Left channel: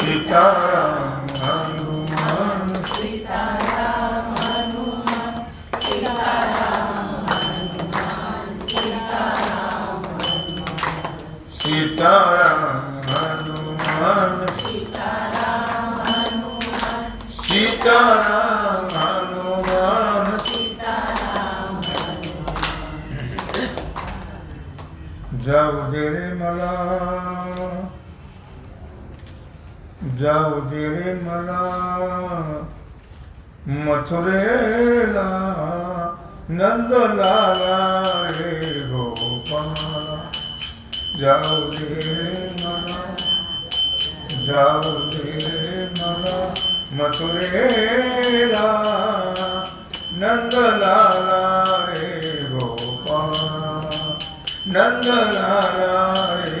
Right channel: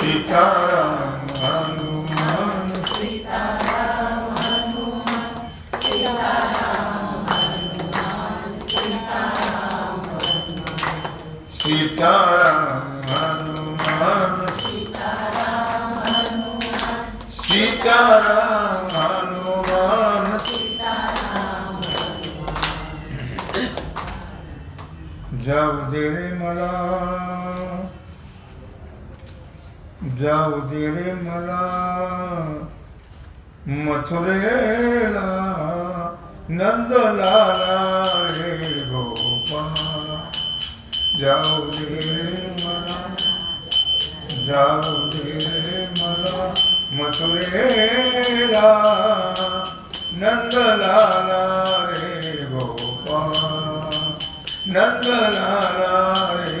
सीताराम हनुमान सीताराम हनुमान सीताराम हनुमान जाऊ दे रे मला जाऊ दे रे मला, मथुरेला, नंदलाला रे गोपाला। जाऊ दे रे मला जाऊ दे मला, मथुरेला, नंदलाला रे गोपाला। नंदलाला रे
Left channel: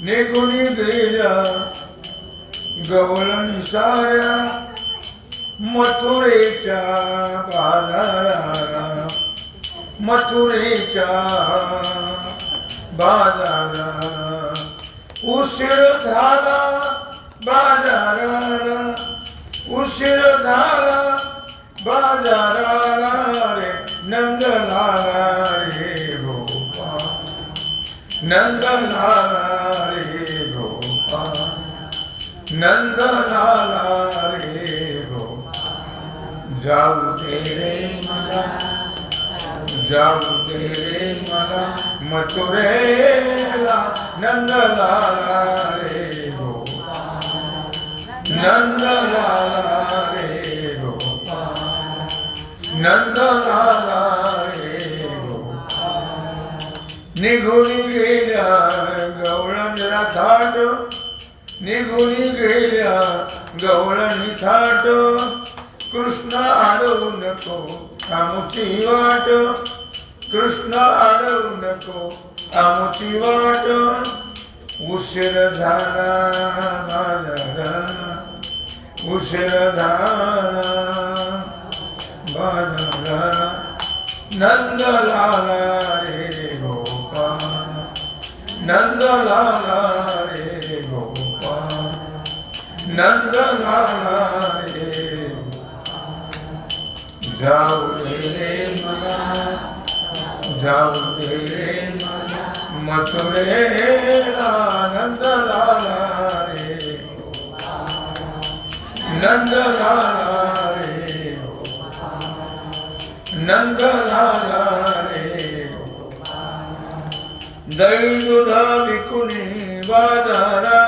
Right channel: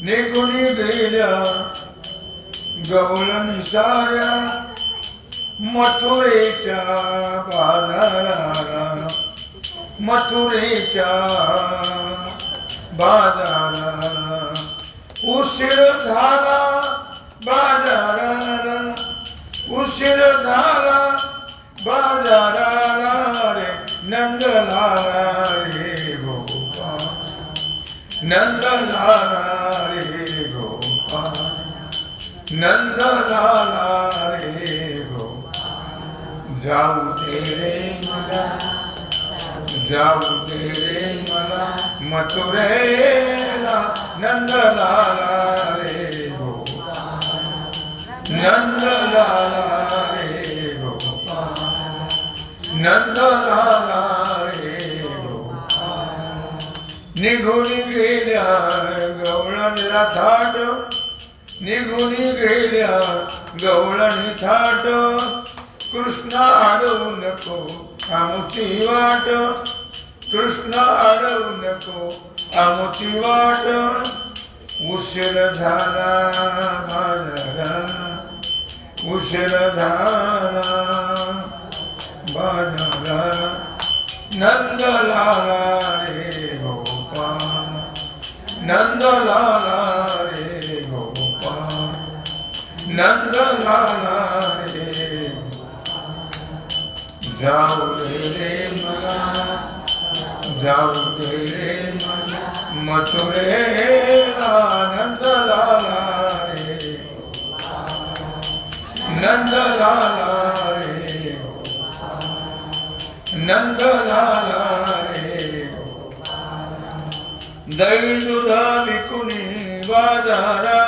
निघून गेल्या गवळणी साऱ्या मथुरेच्या बाजारा मथुरेच्या बाजारा उशीर झाला बाजाराला उशीर झाला बाजाराला रे नंदलाला रे गोपाल नंदलाला નંદલાલા રે ગો જાઉં તેરે મલા જાઉં તેરે મલા મથુરેલા નંદલાલા રે ગો નંદલાલા રે ગો નંદલાલા રે ગો નિઘુણી ગેલા ગૌણ રાધાડ निघून गेल्या गवळणी थाट. कृष्ण अडवू नको आमुची वाट. कृष्ण अडवू नको आमुची वाट. उशीर झाला बाजारा उशीर झाला बाजारा नंदलाला रे गोपाल नंदलाला रे ਨੰਗ ਲਾਣਾ ਰੇ ਜਾਉ ਤੇਰੇ ਮਨਾ ਜਾਉ ਤੇਰੇ ਮਥੁਰੇ ਆਨੰਦ ਲਾਲਾ ਰੇ ਨੰਦ ਲਾਲਾ ਰੇ ਨੰਦ ਲਾਲਾ ਰੇ దైలుదా వికుని వాదారా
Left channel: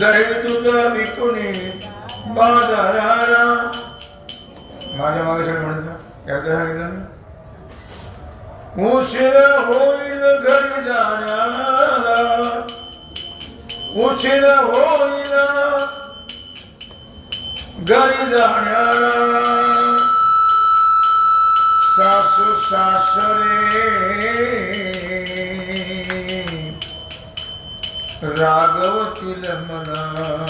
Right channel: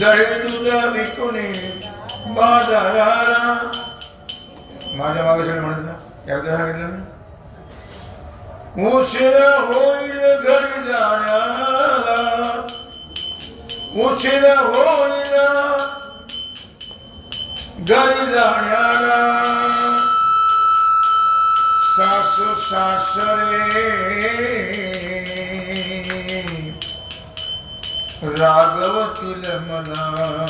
ದಯವಿದ್ದುದ ಬಿಕ್ಕುನಿ ಬಾದರಾರ ಮಾಧ್ಯಮಾಗಸಣೆ ಮಾಡಿದ ಯಾವ್ದು ಹಾಗಿಲ್ಲ ಉಸಿರ ಹೋಯಿಲ ಘರಿ ಜಾಣ್ಯಾರ ಉಸಿರ ಹೋಯಿಲ ಘರಿ ಜಾಣ್ಯಾರ સાસુ સાસરે रागवतील मला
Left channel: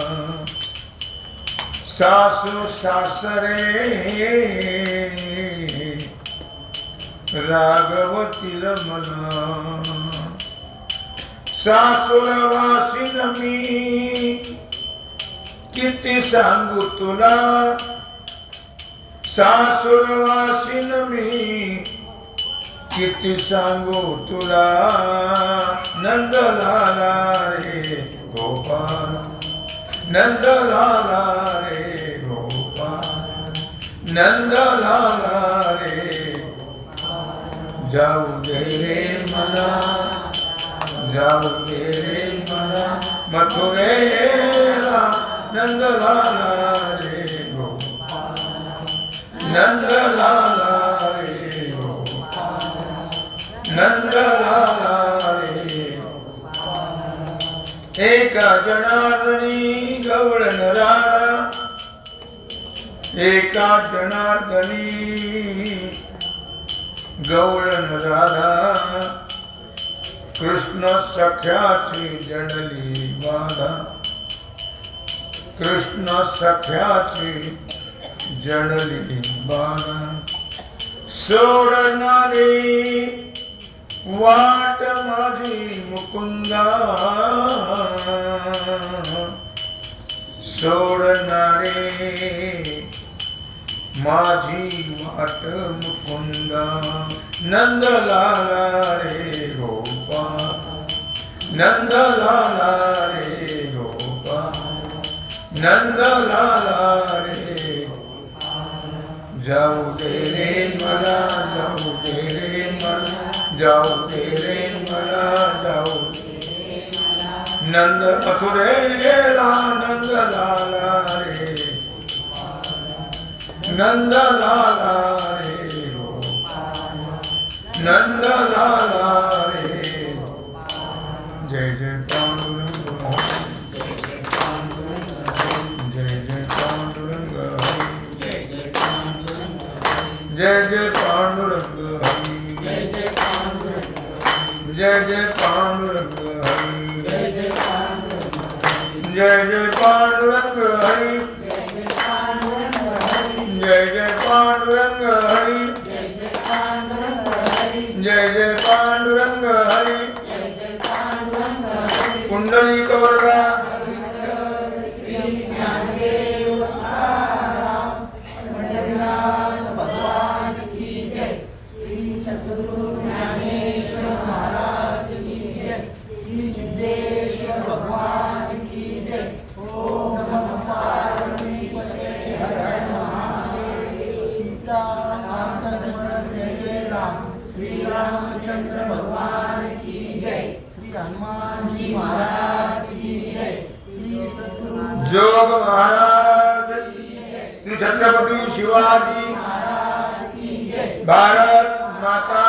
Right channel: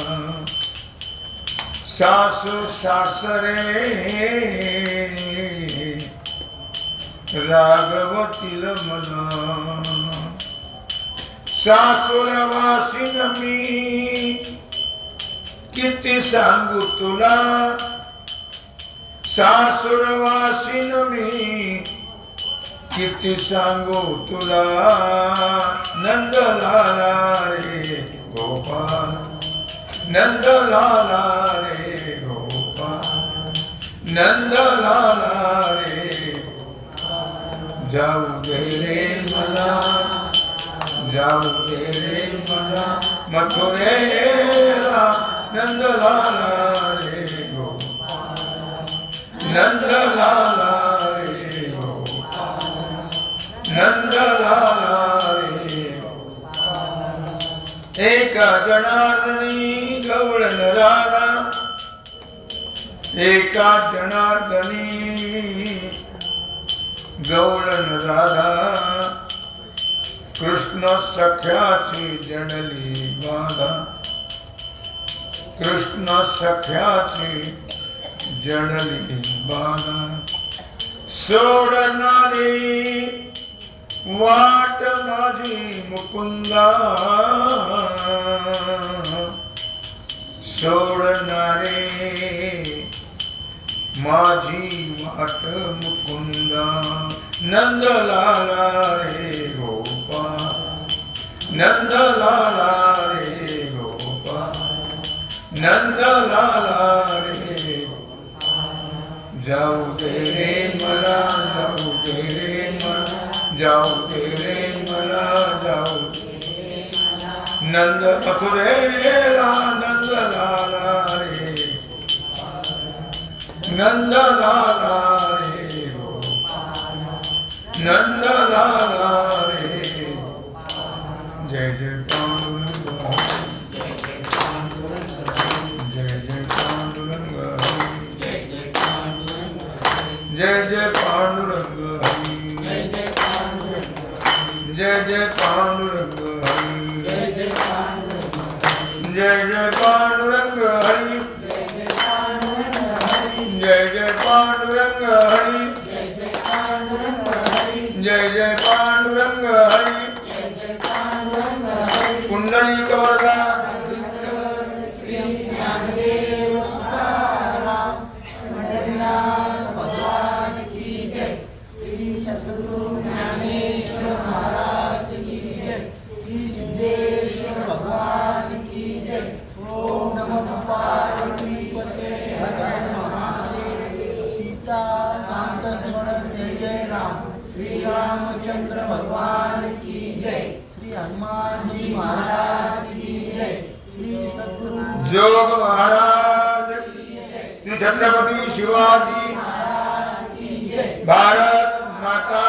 सासू सासरे. रागवतील मला सासुरवासीन मी. किती सांगू तुला? सासुरवासीन मी. किती सांगू तुला? नंदलाला. नंदलाला रे गोपाल नंदलाला रे जाऊ दे रे मला जाऊ दे रे मला मथुरेला नंदलाला रे गोपाल नंदलाला रे गोपाल नंदलाला रे एका जनार्दनी गवळण नरारा. एका जनार्दनी गवळण राधा कृष्ण सख्याची जडली बाधा. कृष्ण सख्याची जडली बाधा. सोडणारी वाट माझी मुकुंदा. माझी वाट मुकुंदा नंदलाला रे गोपाल नंदलाला रे गोपाल नंदलाला रे जाऊ दे रे मला जाऊ दे रे मला जाऊ दे रे मला जाऊ दे नंद मथुरेला नंद लाला रे नंद लाला रे नंद लाला रे जय जय पांडुरंग जय जय पांडुरंग जय जय पांडुरंग हरी जय जय पांडुरंग हरी जय जय पांडुरंग ಕಲಿಕವರದ जोग महाराज। श्री छत्रपति शिवाजी भारत माता